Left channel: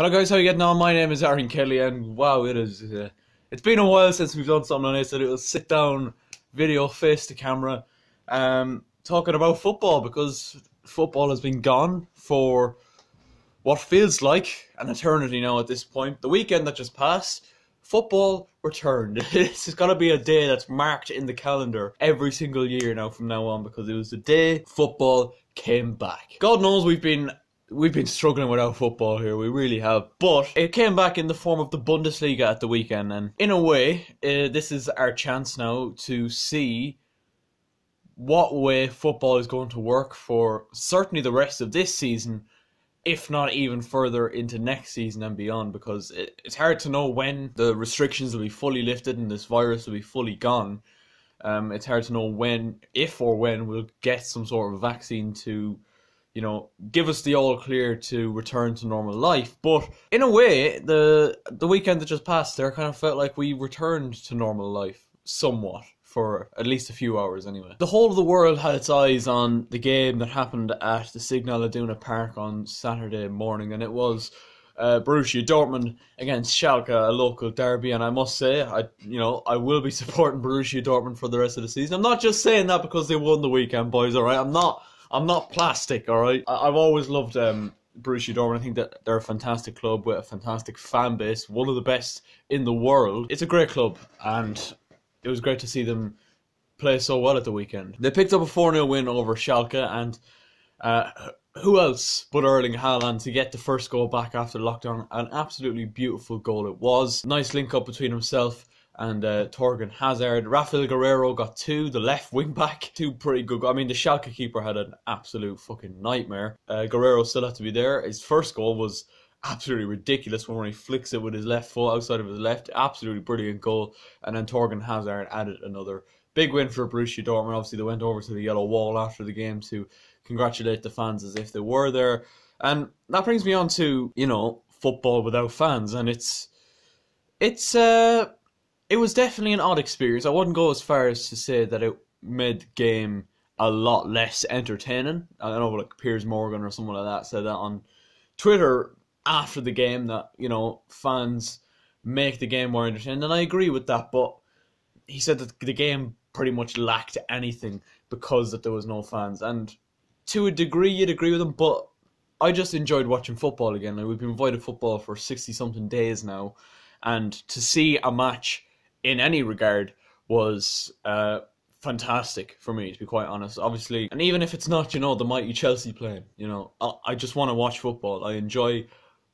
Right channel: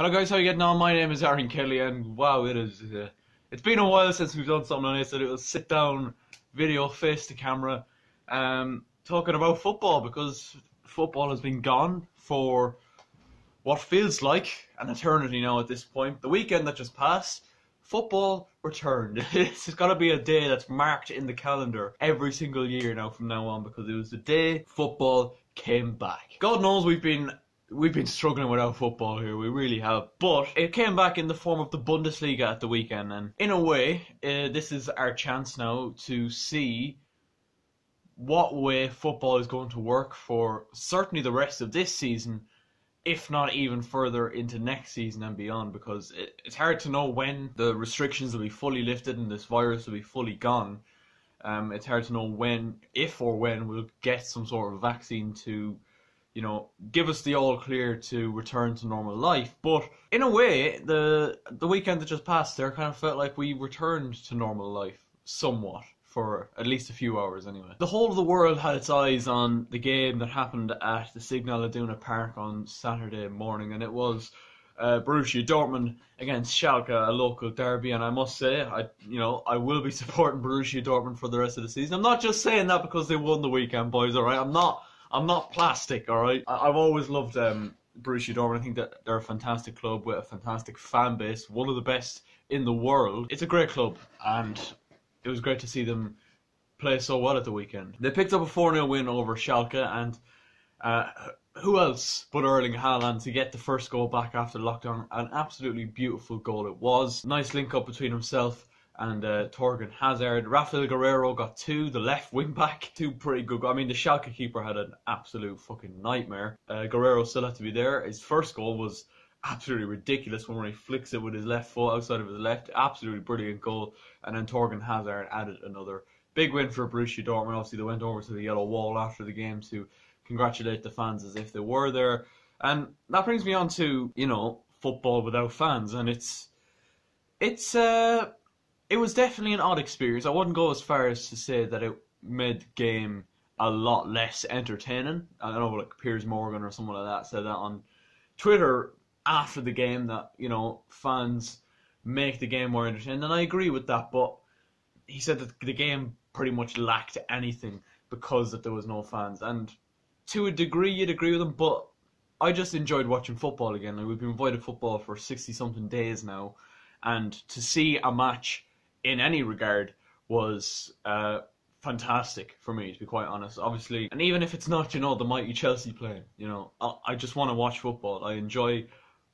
Hello guys, how you getting on? My name is Aaron Kelly, and wow, it's been a while since we've done something like this. A little sit down video, face to camera, talking about football, because football has been gone for what feels like an eternity now at this point. The weekend that just passed, football returned. It's got to be a day that's marked in the calendar every single year now from now on, because it was the day football came back. God knows we've been struggling without football here, we really have. But it came back in the form of the Bundesliga at the weekend, and in a way, this is our chance now to see what way football is going to work for certainly the rest of this season, if not even further into next season and beyond, because it's hard to know when the restrictions will be fully lifted and this virus will be fully gone. It's hard to know when, if or when, we'll get some sort of vaccine to, you know, give us the all clear to return to normal life. But in a way, the weekend that just passed there kind of felt like we returned to normal life somewhat, for at least a few hours anyway. The whole of the world had its eyes on the game that happened at the Signal Iduna Park on Saturday morning, and it was Borussia Dortmund against Schalke, a local derby. And I must say, I will be supporting Borussia Dortmund for the rest of the season. I'm not just saying that because they won the weekend, boys, alright? I'm not plastic, alright? I've always loved Borussia Dortmund. I think that they're a fantastic club with a fantastic fan base, one of the best in the world. It's a great club, and it was great to see them play so well at the weekend. They picked up a 4-0 win over Schalke, and who else but Erling Haaland to get the first goal back after lockdown. An absolutely beautiful goal it was. Nice link up between himself and Torgan Hazard. Rafael Guerreiro got two, the left wing back. Two pretty good goals. I mean, the Schalke keeper had an absolute fucking nightmare. Guerreiro still had to be there. His first goal was absolutely ridiculous when he flicks it with his left foot outside of his left. Absolutely brilliant goal. And then Torgan Hazard added another big win for Borussia Dortmund. Obviously, they went over to the yellow wall after the game to congratulate the fans as if they were there. And that brings me on to, you know, football without fans. And it was definitely an odd experience. I wouldn't go as far as to say that it made the game a lot less entertaining. I don't know, like Piers Morgan or someone like that said that on Twitter after the game, that, you know, fans make the game more entertaining. And I agree with that, but he said that the game pretty much lacked anything because that there was no fans. And to a degree, you'd agree with him, but I just enjoyed watching football again. And we've been avoiding football for 60-something days now. And to see a match in any regard was fantastic for me, to be quite honest. Obviously, and even if it's not, you know, the mighty Chelsea playing, you know, I just want to watch football. I enjoy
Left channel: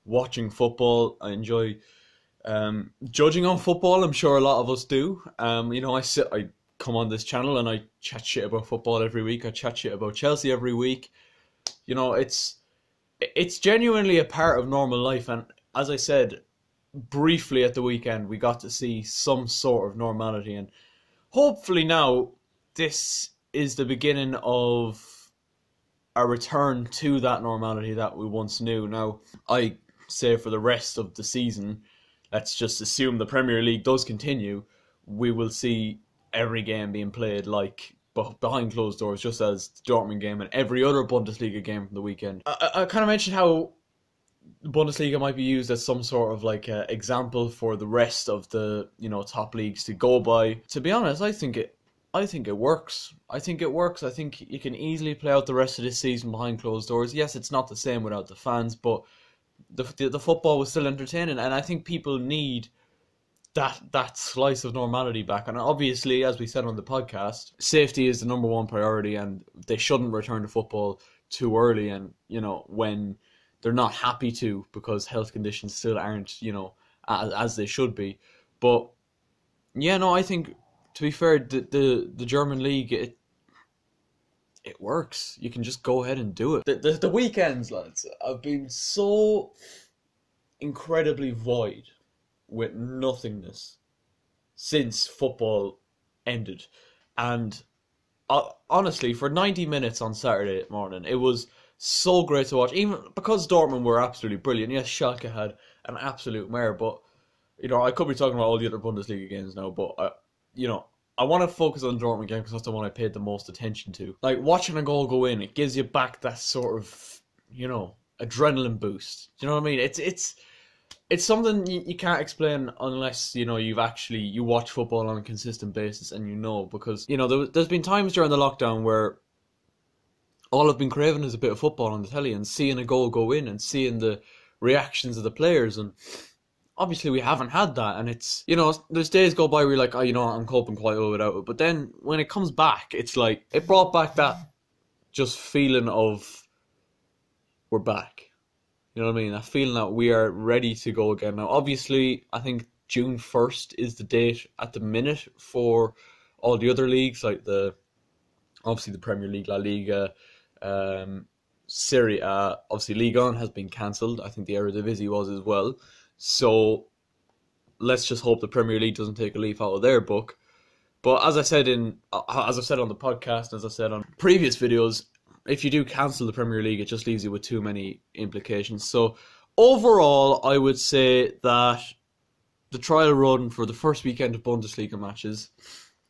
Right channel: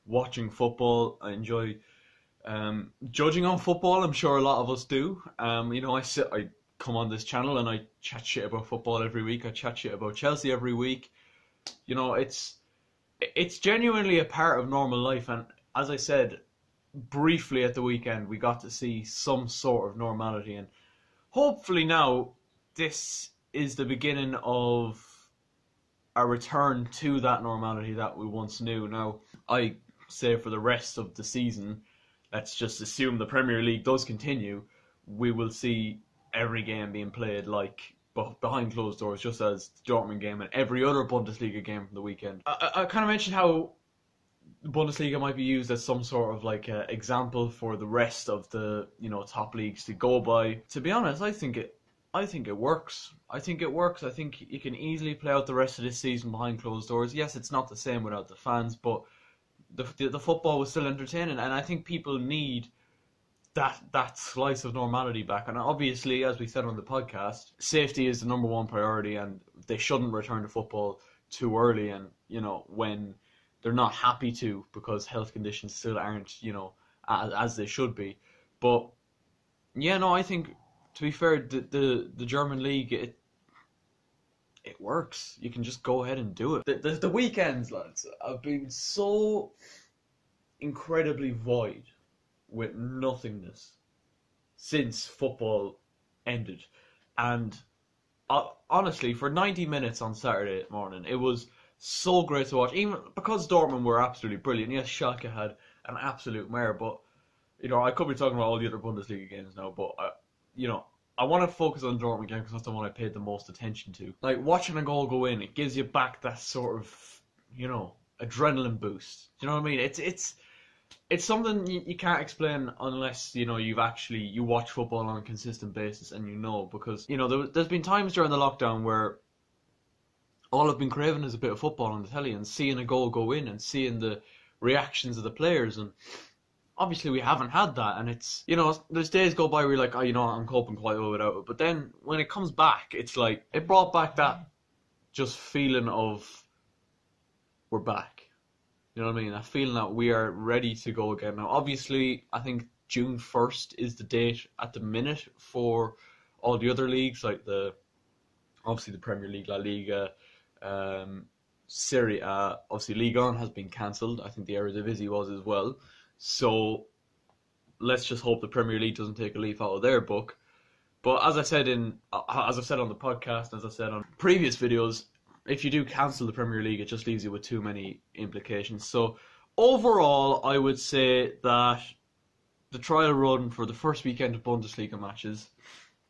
watching football. I enjoy judging on football. I'm sure a lot of us do. You know, I come on this channel and I chat shit about football every week. I chat shit about Chelsea every week. You know, it's genuinely a part of normal life. And as I said briefly at the weekend, we got to see some sort of normality, and hopefully now this is the beginning of a return to that normality that we once knew. Now, I say for the rest of the season, let's just assume the Premier League does continue, we will see every game being played like behind closed doors, just as the Dortmund game and every other Bundesliga game from the weekend. I kind of mentioned how Bundesliga might be used as some sort of like example for the rest of the, you know, top leagues to go by. To be honest, I think it works. I think you can easily play out the rest of this season behind closed doors. Yes, it's not the same without the fans, but the football was still entertaining, and I think people need that slice of normality back. And obviously, as we said on the podcast, safety is the number one priority, and they shouldn't return to football too early, and, you know, when they're not happy to, because health conditions still aren't, you know, as they should be. But yeah, no, I think, to be fair, the German league, it works. You can just go ahead and do it. The weekends, lads, have been so incredibly void with nothingness since football ended. And honestly, for 90 minutes on Saturday morning, it was so great to watch, even because Dortmund were absolutely brilliant. Yes, Schalke had an absolute mare, but, you know, I could be talking about all the other Bundesliga games now, but, you know, I want to focus on the Dortmund game because that's the one I paid the most attention to. Like, watching a goal go in, it gives you back that sort of, you know, adrenaline boost. Do you know what I mean? it's something you can't explain unless, you know, you watch football on a consistent basis and you know, because, you know, there's been times during the lockdown where all I've been craving is a bit of football on the telly and seeing a goal go in and seeing the reactions of the players, and obviously we haven't had that. And it's, you know, there's days go by where you're like, oh, you know, I'm coping quite well without it, but then when it comes back, it's like, it brought back that just feeling of we're back. You know what I mean? That feeling that we are ready to go again. Now, obviously, I think June 1st is the date at the minute for all the other leagues, like obviously the Premier League, La Liga, Serie A. Obviously, Ligue 1 has been cancelled. I think the Eredivisie was as well. So let's just hope the Premier League doesn't take a leaf out of their book. But as I said on the podcast, as I said on previous videos, if you do cancel the Premier League, it just leaves you with too many implications. So overall, I would say that the trial run for the first weekend of Bundesliga matches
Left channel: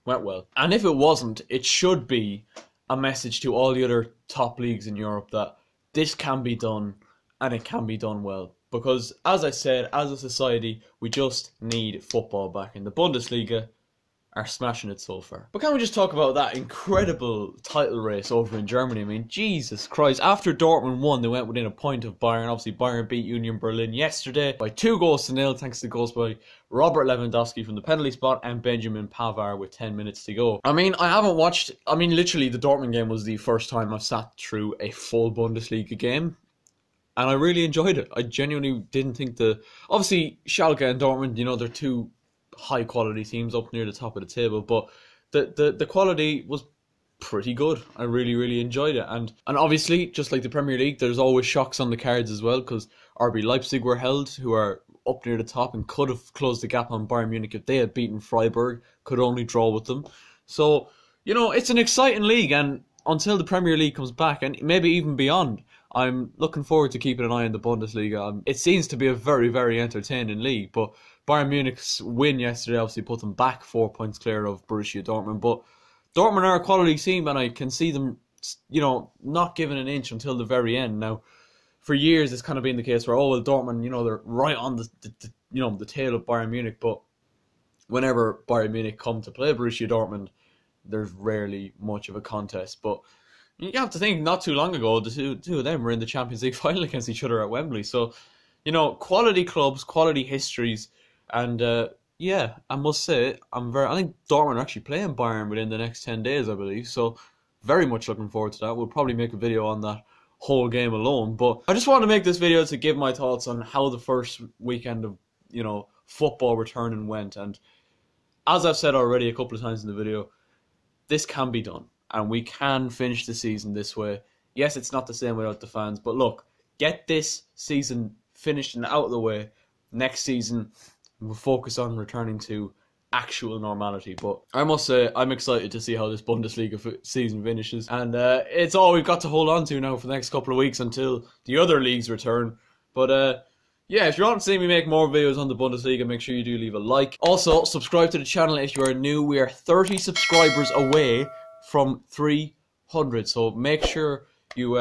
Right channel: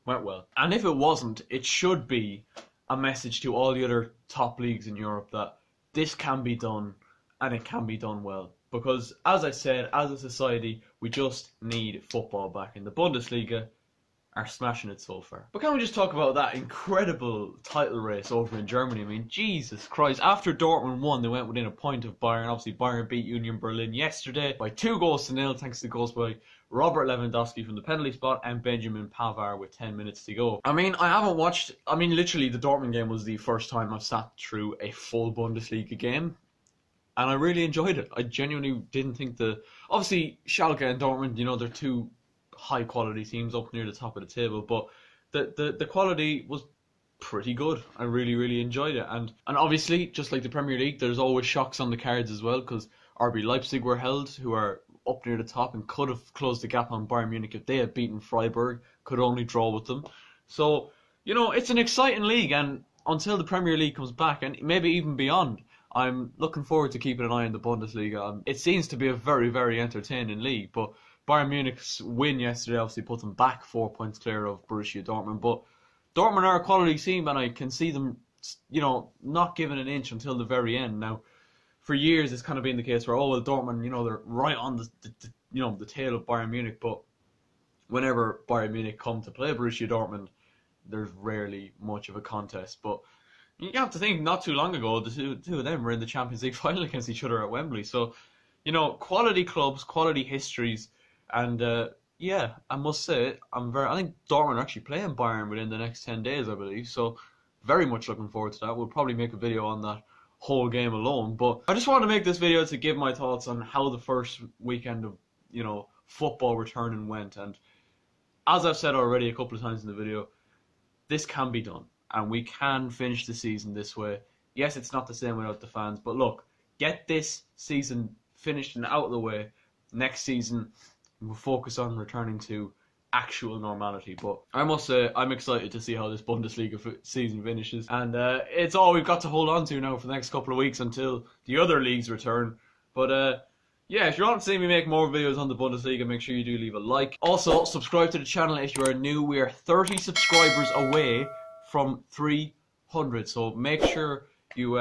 went well. And if it wasn't, it should be a message to all the other top leagues in Europe that this can be done and it can be done well. Because, as I said, as a society, we just need football back. In the Bundesliga are smashing it so far. But can we just talk about that incredible title race over in Germany? I mean, Jesus Christ. After Dortmund won, they went within a point of Bayern. Obviously, Bayern beat Union Berlin yesterday by 2-0 thanks to goals by Robert Lewandowski from the penalty spot and Benjamin Pavard with 10 minutes to go. I mean, literally the Dortmund game was the first time I've sat through a full Bundesliga game. And I really enjoyed it. I genuinely didn't think obviously, Schalke and Dortmund, you know, they're two high-quality teams up near the top of the table. But the quality was pretty good. I really, really enjoyed it. And obviously, just like the Premier League, there's always shocks on the cards as well, because RB Leipzig were held, who are up near the top and could have closed the gap on Bayern Munich if they had beaten Freiburg, could only draw with them. So, you know, it's an exciting league, and until the Premier League comes back, and maybe even beyond, I'm looking forward to keeping an eye on the Bundesliga. It seems to be a very, very entertaining league, but Bayern Munich's win yesterday obviously put them back 4 points clear of Borussia Dortmund. But Dortmund are a quality team, and I can see them, you know, not giving an inch until the very end. Now, for years, it's kind of been the case where, oh, well, Dortmund, you know, they're right on the tail of Bayern Munich. But whenever Bayern Munich come to play Borussia Dortmund, there's rarely much of a contest. But you have to think, not too long ago, the two of them were in the Champions League final against each other at Wembley. So, you know, quality clubs, quality histories, and yeah, I must say, I think Dortmund are actually playing Bayern within the next 10 days, I believe. So, very much looking forward to that. We'll probably make a video on that whole game alone. But I just wanted to make this video to give my thoughts on how the first weekend of, you know, football returning went. And as I've said already a couple of times in the video, this can be done. And we can finish the season this way. Yes, it's not the same without the fans. But look, get this season finished and out of the way. Next season, we'll focus on returning to actual normality. But I must say, I'm excited to see how this Bundesliga season finishes. And it's all we've got to hold on to now for the next couple of weeks until the other leagues return. But yeah, if you want to see me make more videos on the Bundesliga, make sure you do leave a like. Also, subscribe to the channel if you are new. We are 30 subscribers away from 300. So make sure you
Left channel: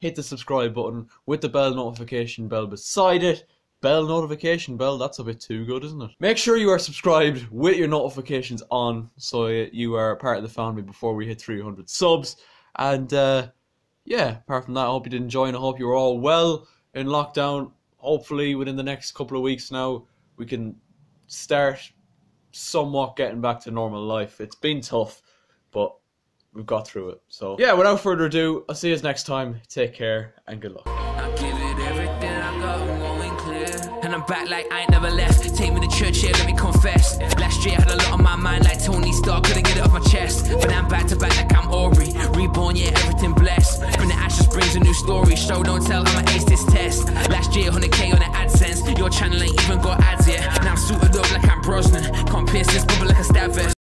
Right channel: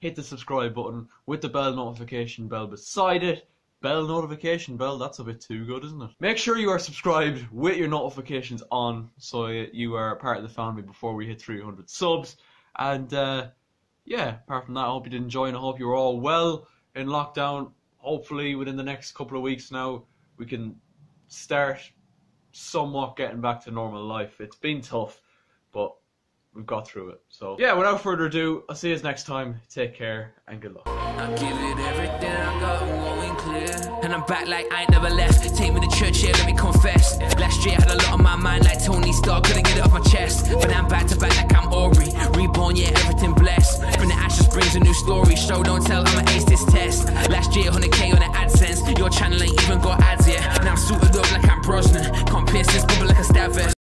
hit the subscribe button with the bell notification bell beside it. Bell notification bell, that's a bit too good, isn't it? Make sure you are subscribed with your notifications on so you are part of the family before we hit 300 subs. And yeah, apart from that, I hope you did enjoy and I hope you were all well in lockdown. Hopefully within the next couple of weeks now, we can start somewhat getting back to normal life. It's been tough, but we've got through it. So yeah, without further ado, I'll see you next time. Take care and good luck. I'll give it everything I got, I'm going clear. And I'm back like I ain't never left. Take me to church, yeah, let me confess. Last year I had a lot on my mind like Tony Stark, couldn't get it off my chest. But now I'm back to back like I'm Aubrey. Reborn, yeah, everything blessed. From the ashes brings a new story. Show, don't tell, I'ma ace this test. Last year, 100k on the AdSense. Your channel ain't even got ads yet. Now I'm suited up like I'm Brosnan. Can't pierce this bubble like a stab vest.